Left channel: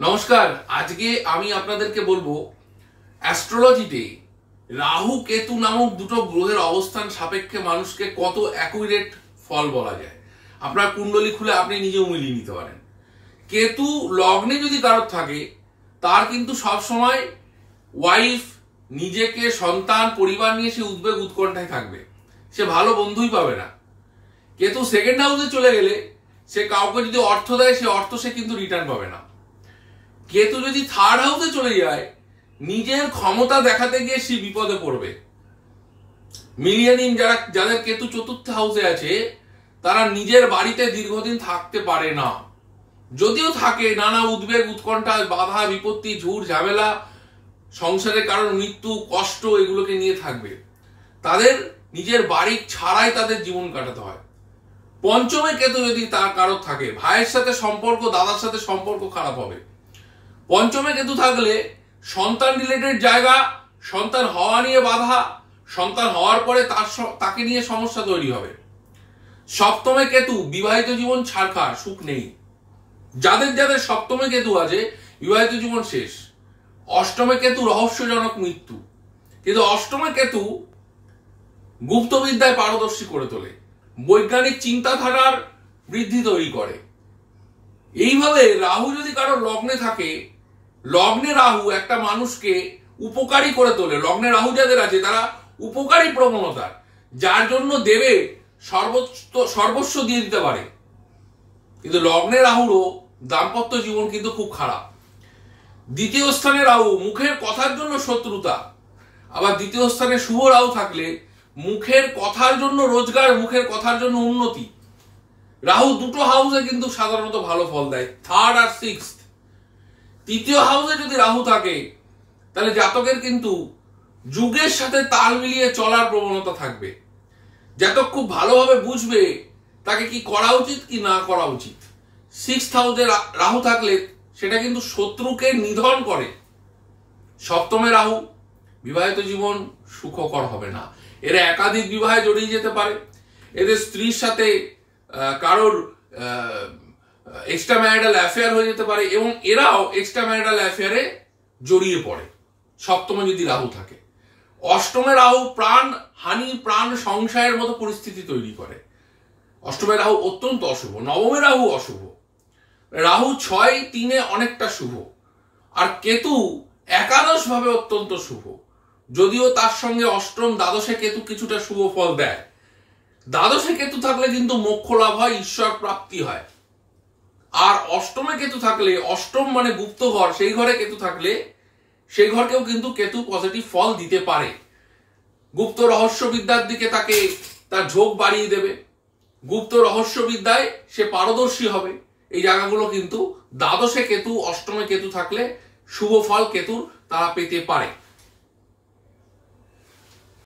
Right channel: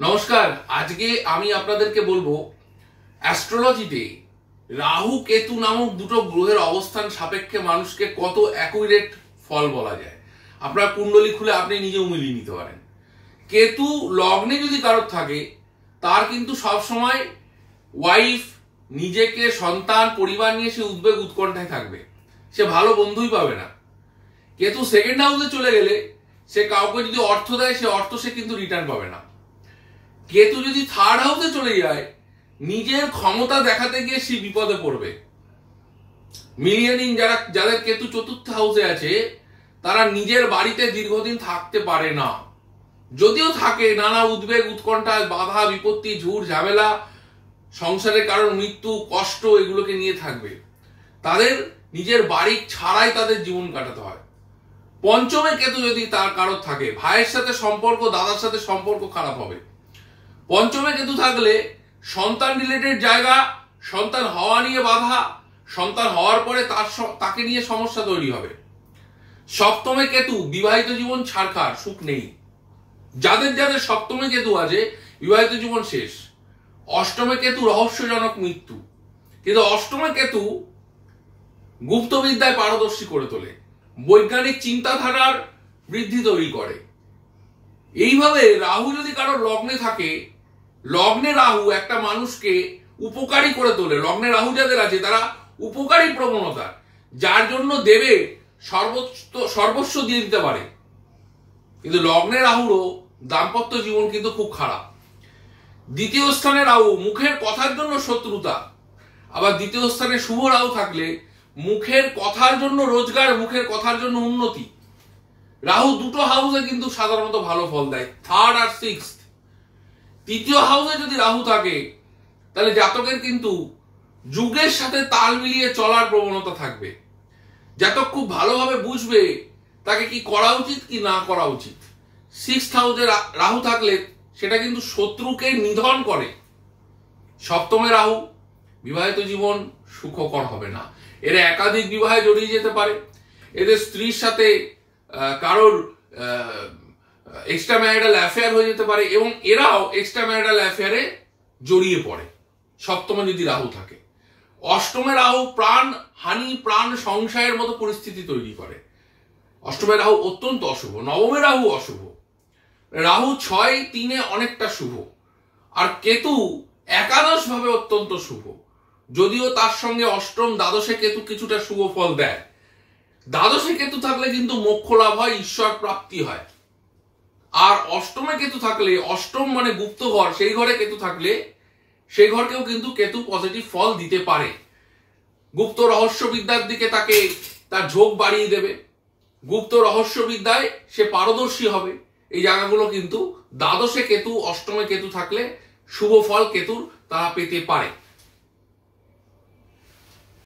নমস্কার। আজকে আমি আপনাদেরকে বলবো অ্যাস্ট্রোলজিতে রাহু কেতু নামক দুটো গ্রহের অবস্থান সাপেক্ষে মানুষকে কত অ্যাকুরেট ফল বলা যায়। আপনার কুণ্ডলী খুলে আপনি নিজেও মিলিয়ে নিতে পারেন। কেতু লগ্নে যদি কারোর থাকে তার কিন্তু সবসময় ওয়াইফ, নিজেকে, সন্তান, পরিবার নিয়ে সে উদ্বেগ উৎকণ্ঠায় থাকবে, সে ভালো বন্ধুই পাবে না। কেতু সেকেন্ড হাউসে চলে গেলে সে কাউকে যদি অর্থ দেয় সে অর্থ সে কিন্তু রিটার্ন পাবে না। কেতু যদি থার্ড হাউসে চলে যায় নিজের ক্ষমতা দেখাতে গিয়ে সে বিপদে পড়বে। মিলিয়নিং যাদের কেতু চতুর্থ হাউসে আছে তারা নিজের বাড়িতে দীর্ঘদিন থাকতে পারে না। যদিও থাকে, নানা উদ্বেগ উৎকণ্ঠা, বাধা বিপত্তি, ঝুট ঝামেলা, সংসারে কারোর মৃত্যু, কষ্ট, এগুলোকে নিয়ে থাকবে। তাদের নিজের বাড়ি ছাড়াই তাদের জীবন কাটাতে হয়। পঞ্চমে কেতু যদি তার কারোর থাকে, ভাইয়ের সাথে সম্পর্ক, দাদার সাথে সম্পর্ক খারাপ হবে। পঞ্চমে কেতু থাকলে সন্তান রিলেটেড জায়গা, সন্তান হওয়া নিয়ে বাধা, সন্তান হওয়ার পরে তাকে নিয়ে সমস্যা তৈরি হবে। সপ্তমে কেতু বিবাহিত জীবন ছাড়খাড়, সুখ নেই। যাদের যাদের সপ্তমে কেতু আছে বিবাহিত জীবন শেষ। অষ্টমে কেতু রহস্যজনক মৃত্যু। কিন্তু অষ্টমে কেতু গুপ্তবিদ্যায় পারদর্শী করে তোলে, বৈজ্ঞানিক চিন্তাধারার বৃদ্ধি তৈরি করে। এইভাবে রাহু যদি কারো লগ্নে থাকে, লগ্নে রাহু একটা মানুষকে উপকারী করে তোলে। লগ্নে রাহু যাদের আছে তারা উপকারী প্রবণতার, যার জন্য দেবে সর্বস্ব দিয়ে দিতে পারে। কিন্তু লগ্নে রাহুরও দাম্পত্য জীবন কিন্তু খুব খারাপ। দ্বিতীয় স্থানে রাহু মুখের কথার জন্য শত্রুতা। আবার দ্বিতীয় স্থানে শুভ রাহু থাকলে মুখের কথার জন্য রোজগার, মুখের কথার জন্য উন্নতি। রাহু দুটো হাউসে কিন্তু সাধারণত ভালো ফল দেয়, থার্ড আর সিক্সথ। তৃতীয় হাউসে যদি রাহু থাকে তাহলে জাতকের কিন্তু যুগের সাথে তাল মিলিয়ে চলার প্রবণতা থাকবে। জাতক খুব ভালোভাবে বুঝবে তাকে কি করা উচিত কি না করা উচিত। সিক্সথ হাউসে রাহু থাকলে সেটা কিন্তু শত্রুকে নিধন করে। সপ্তমে রাহু বিবাহিত জীবন সুখকর হবে না। এরা একাধিক বিবাহে জড়িয়ে যেতে পারে। এদের স্ত্রীর সাথে কারোর এক্সট্রা ম্যারিটাল অ্যাফেয়ার হয়ে যেতে পারে এবং এরাও এক্সট্রা ম্যারিটাল অ্যাফেয়ারে জড়িয়ে পড়ে সপ্তমে যদি রাহু থাকে। অষ্টমে রাহু প্রাণ হানি, প্রাণ সংশয়ের মতো পরিস্থিতি তৈরি করে। অষ্টমে রাহু অত্যন্ত অশুভ। নবমে রাহু অশুভ। রাহু 6-3 অনেকটা শুভ, আর কেতু একাদশ ভাবে অত্যন্ত শুভ। যদিও তার সঙ্গে অষ্টম দ্বাদশে কেতু কিছুটা শুভ ফল দেয়। দ্বাদশে কেতু থাকলে কিন্তু মোক্ষ লাভ হয়, ঈশ্বর প্রাপ্তি হয়। আর অষ্টমে কেতু থাকলে, অষ্টম মানে গুপ্ত ঘর, সেই ঘরে কেতু থাকলে সেই ঘরকেও কিন্তু কেতু পজিটিভ ফল দিতে পারে। গুপ্ত রহস্যবিদ্যার দিকে তাকে তার ঝোঁক বাড়িয়ে দেবে। গুপ্ত রহস্যবিদ্যায় সে পারদর্শী হবে। এই জায়গাগুলো কিন্তু দ্বাদশে কেতু, অষ্টমে কেতু থাকলে শুভ ফল কেতুর তারা পেতে পারে।